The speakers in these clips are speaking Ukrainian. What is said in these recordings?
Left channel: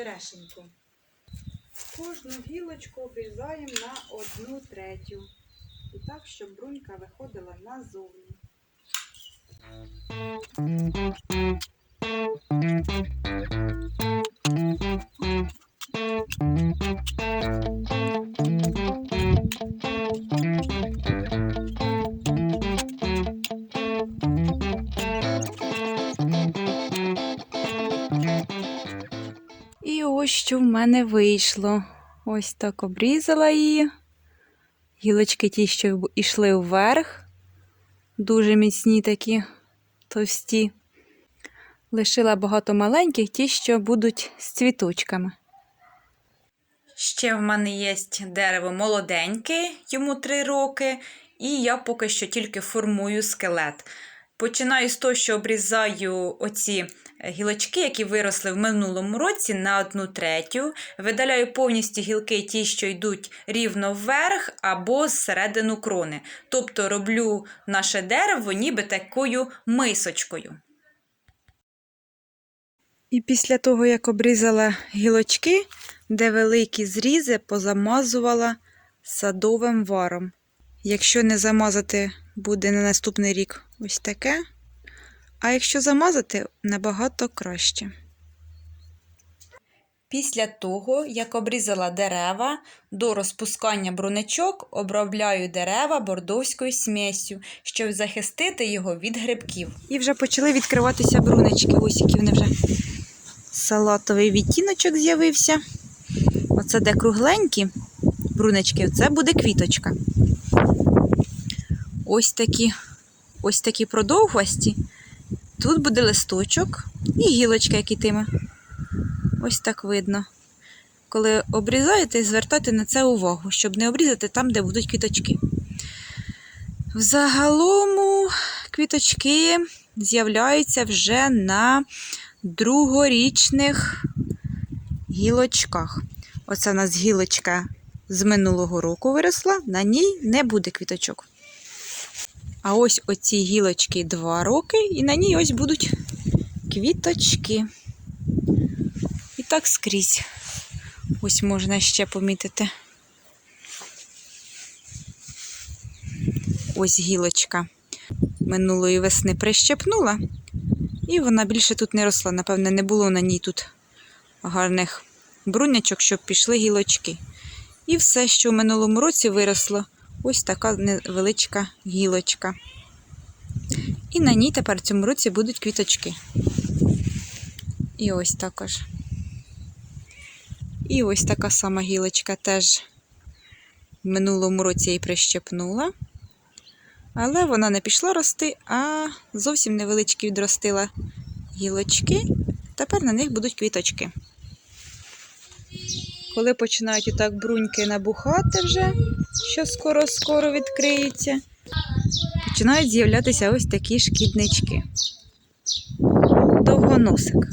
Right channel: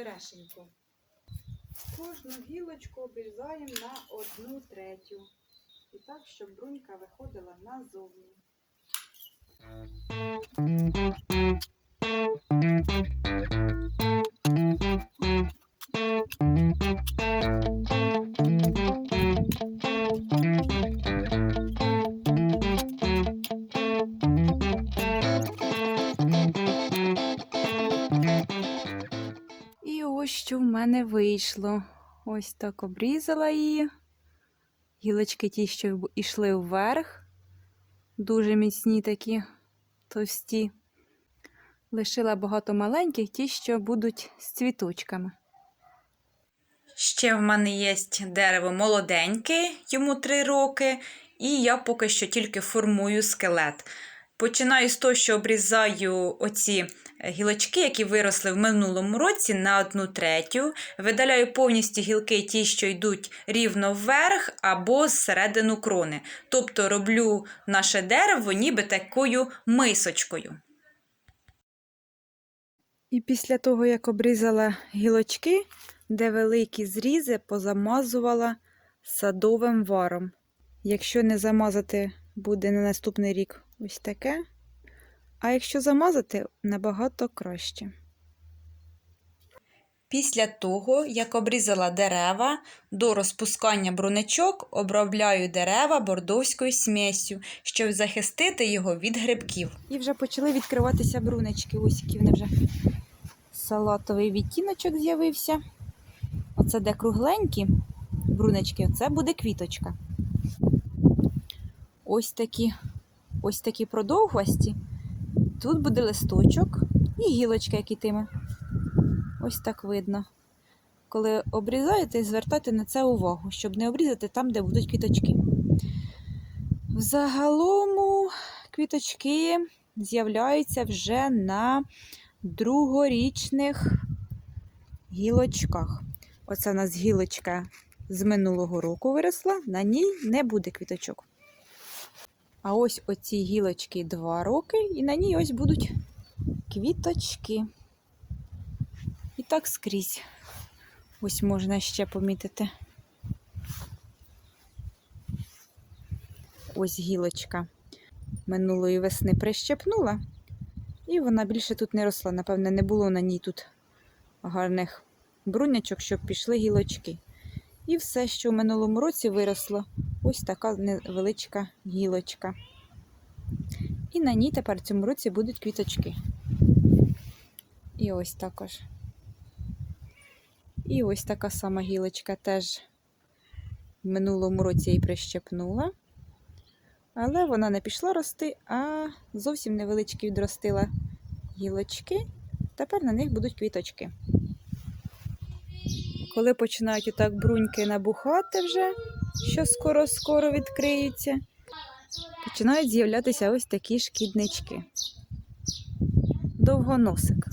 черешеньку. Кожну гілочку обрізаємо на одну третю. І так, щоб брунька виходила назовні. Що в мене вийшло. Ось так обрізала її. Гілочки ті, що йшли вверх, дуже міцні такі товсті. Лишила багато маленьких, ті, що будуть з цвіточками. Ще в мене є дерево молоденьке, йому 3 роки, і я поки що тільки формую скелет. Починаю з того, що обрізаю оці гілочки, які виросли в минулому році, на одну третю. Видаляю повністю гілки, ті, що йдуть рівно вверх або зсередину крони. Тобто роблю наше дерево ніби такою мисочкою. І після того, як обрізала гілочки, де великі зрізи, позамазувала садовим варом. Якщо не замазати, буде на наступний рік ось таке. А якщо замазати, набагато краще. Після того, як обрізала дерева, до розпускання бруничок обробляю дерева бордовською смесю, щоб захистити його від грибків. І вже почали відкриватися брунички. Ось які вони вже салатовий відтіночок з'явився. Оце де кругленькі брунички, це буде квіточка. Ось такі, ось такі продовгості. Тут буде листочок і гілочка, як ітиме. Ось так видно. Коли обрізаєте, звертайте на це увагу, щоб не обрізати там, де будуть квіточки. Взагалому квіточки з'являються вже на другорічних гілочках. Оце у нас гілочка з минулого року виросла, на ній не буде квіточок. А ось оці гілочки 2 роки, і на ній ось будуть квіточки. І так скрізь. Ось можна ще помітити. Ось гілочка минулої весни прищепнула, і вона більше тут не росла. Напевне, не було на ній тут гарних брунячок, щоб пішли гілочки. І все, що в минулому році виросло, ось така невеличка гілочка. І на ній тепер в цьому році будуть квіточки. І ось також. І ось така сама гілочка теж в минулому році її прищепнула. Але вона не пішла рости, а зовсім невеличкі відростила гілочки. Тепер на них будуть квіточки. Коли починають отак бруньки набухати вже, що скоро-скоро відкриються, починають з'являтися ось такі шкіднички. Довгоносик.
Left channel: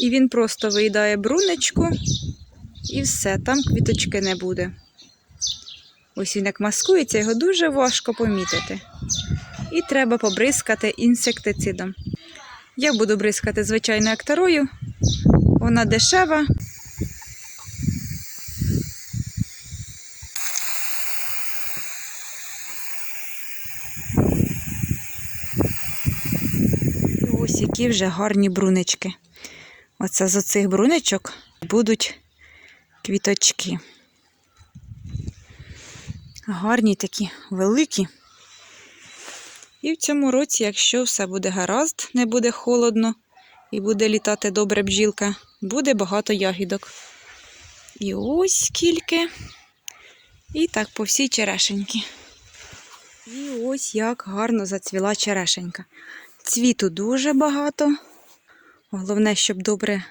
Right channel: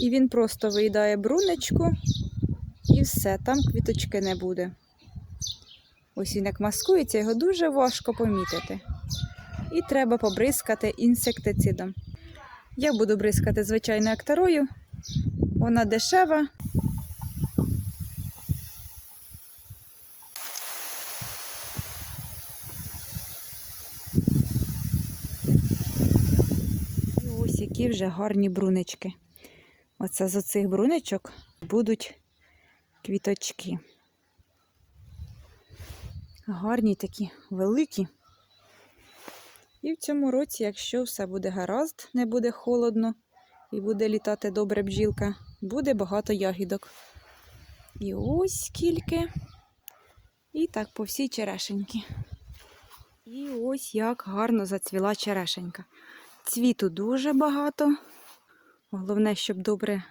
І він просто виїдає брунечку, і все, там квіточки не буде. Ось він як маскується, його дуже важко помітити. І треба побризкати інсектицидом. Я буду бризкати звичайно акторою. Вона дешева. І Ось які вже гарні брунички. Оце з оцих бруничок будуть квіточки. Гарні такі, великі. І в цьому році, якщо все буде гаразд, не буде холодно і буде літати добре бджілка, буде багато ягідок. І ось скільки. І так по всій черешеньки. І ось як гарно зацвіла черешенька. Цвіту дуже багато. Головне, щоб добре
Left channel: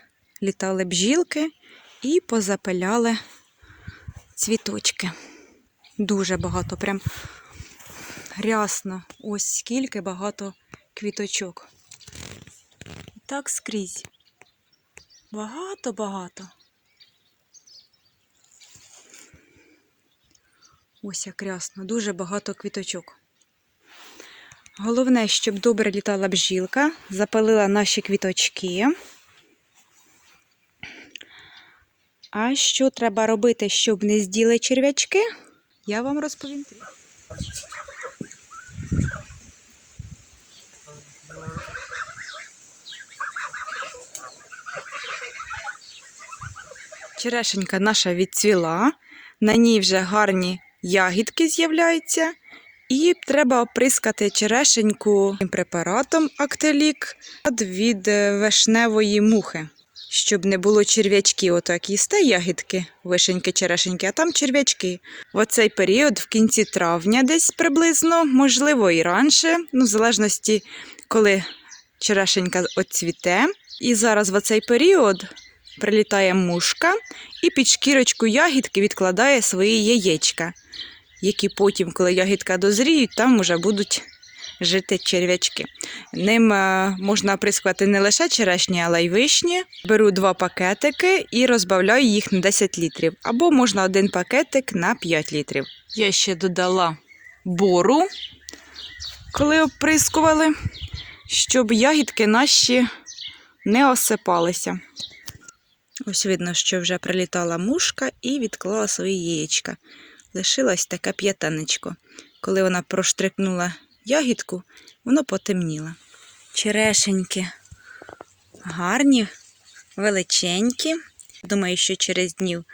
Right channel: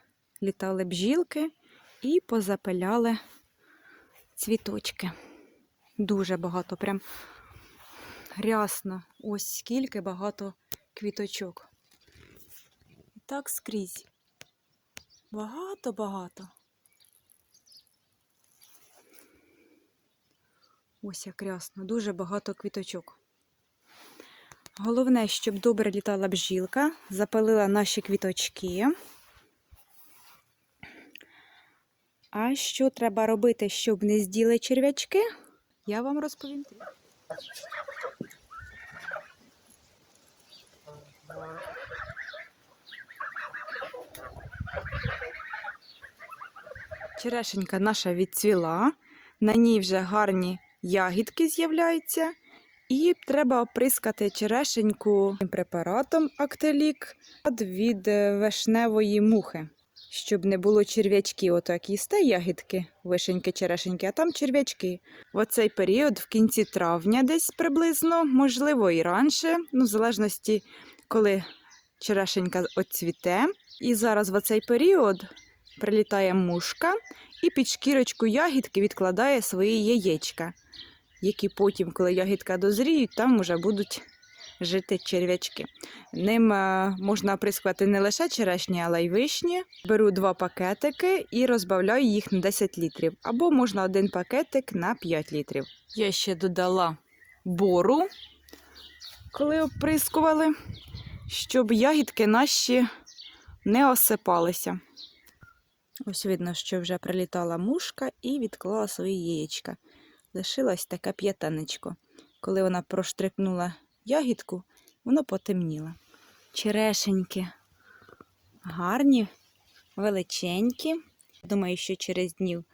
літали бджілки і позапиляли цвіточки. Дуже багато, прям рясно. Ось скільки багато квіточок. І так скрізь. Багато-багато. Ось як рясно, дуже багато квіточок. Головне, щоб добре літала бжілка, запалила наші квіточки. А що треба робити, щоб не зділи черв'ячки? Я вам розповім. Черешенька наша відцвіла, на ній вже гарні ягідки з'являються, і треба оприскати черешеньку препаратом Актелік від е, вишневої мухи, щоб не було черв'ячків. Отак їсте ягідки, вишеньки, черешеньки, а там черв'ячки. В оцей період, в кінці травня, десь приблизно, можливо, і раніше, ну, в залежності, коли черешенька оцвіте. І зараз в оцей період прилітає мушка і під шкірочку ягідки відкладає свої яєчка, які потім, коли ягідка дозріють, там вже будуть жити черв'ячки. Ним е, можна оприскувати не лише черешні, але й вишні. Беру два пакетики і розбавляю їх на 10 літрів. Або можна один пакетик на 5 літрів. Я ще додала бору, коли оприскували, щоб ягідки наші не осипалися. Ось видно, що вже прилітала мушка і відклала свої яєчка. Лишилось таке п'ятанечко. Коли вона проштрикнула ягідку, воно потемніло. Черешеньки гарні, величенькі. Думаю, що через днів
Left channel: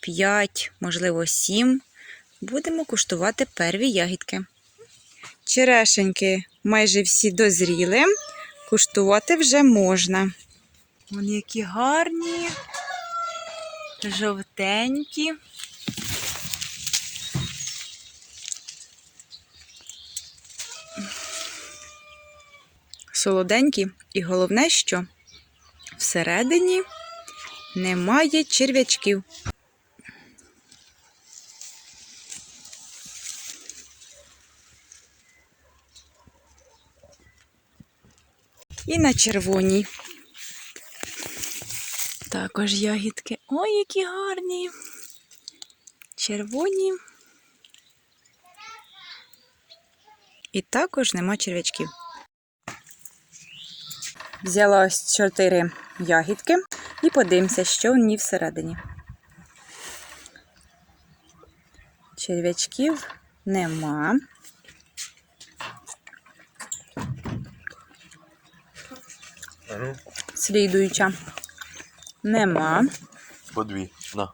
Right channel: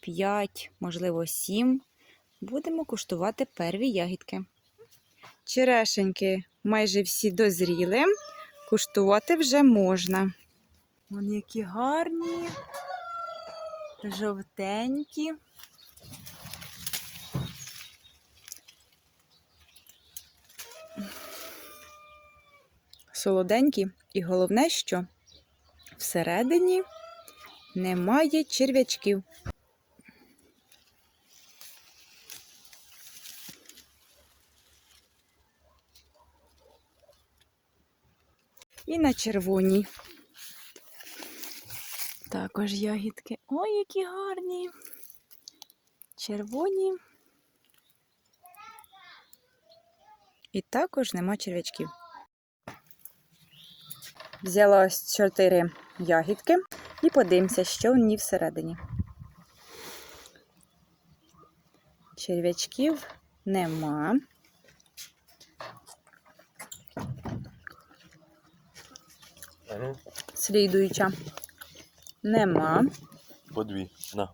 5, можливо, 7 будемо куштувати перві ягідки. Черешеньки майже всі дозріли, куштувати вже можна. Вони які гарні, жовтенькі. Солоденькі, і головне, що всередині немає черв'ячків. І на червоній. Також ягідки. Ой, які гарні. Червоні. І також нема черв'ячків. Взяла ось чотири ягідки і подивимося, що в ній всередині. Черв'ячків нема. Слідуюча. Нема. По дві. На.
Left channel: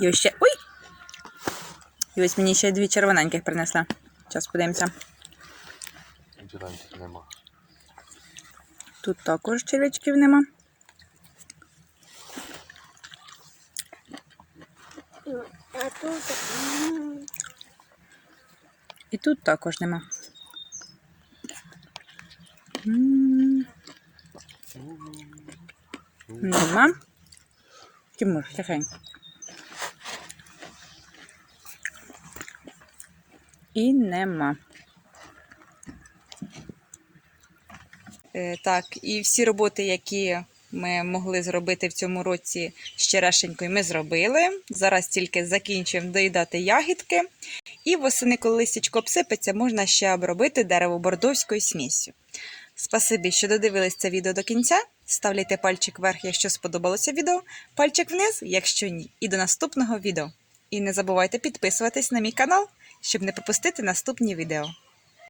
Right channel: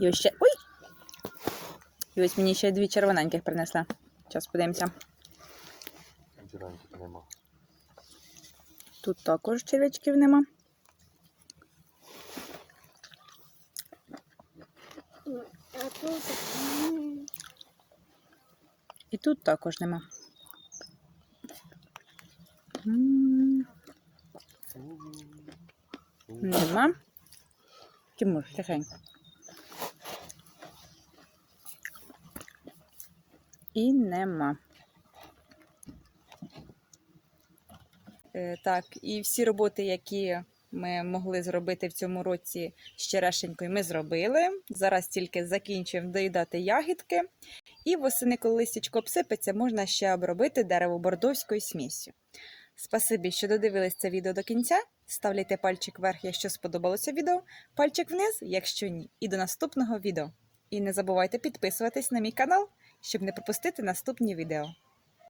І ось ще. Ой! І ось мені ще дві червоненьких принесла. Зараз подивимося. Зеленьких нема. Тут також черв'ячків нема. І тут також нема. Нема. Тимур, тихенько. І нема. Так, і всі роботи, які ми могли зробити в цьому році з черешенькою, ми зробили. Зараз тільки закінчуємо доїдати ягідки. І восени, коли листячко обсипеться, можна ще обробити дерево бордовською сміссю. Спасибі, що додивились це відео до кінця. Ставляйте пальчик вверх, якщо сподобалося відео, пальчик вниз, якщо ні. І до наступного відео. І не забувайте підписуватись на мій канал, щоб не пропустити наступні відео.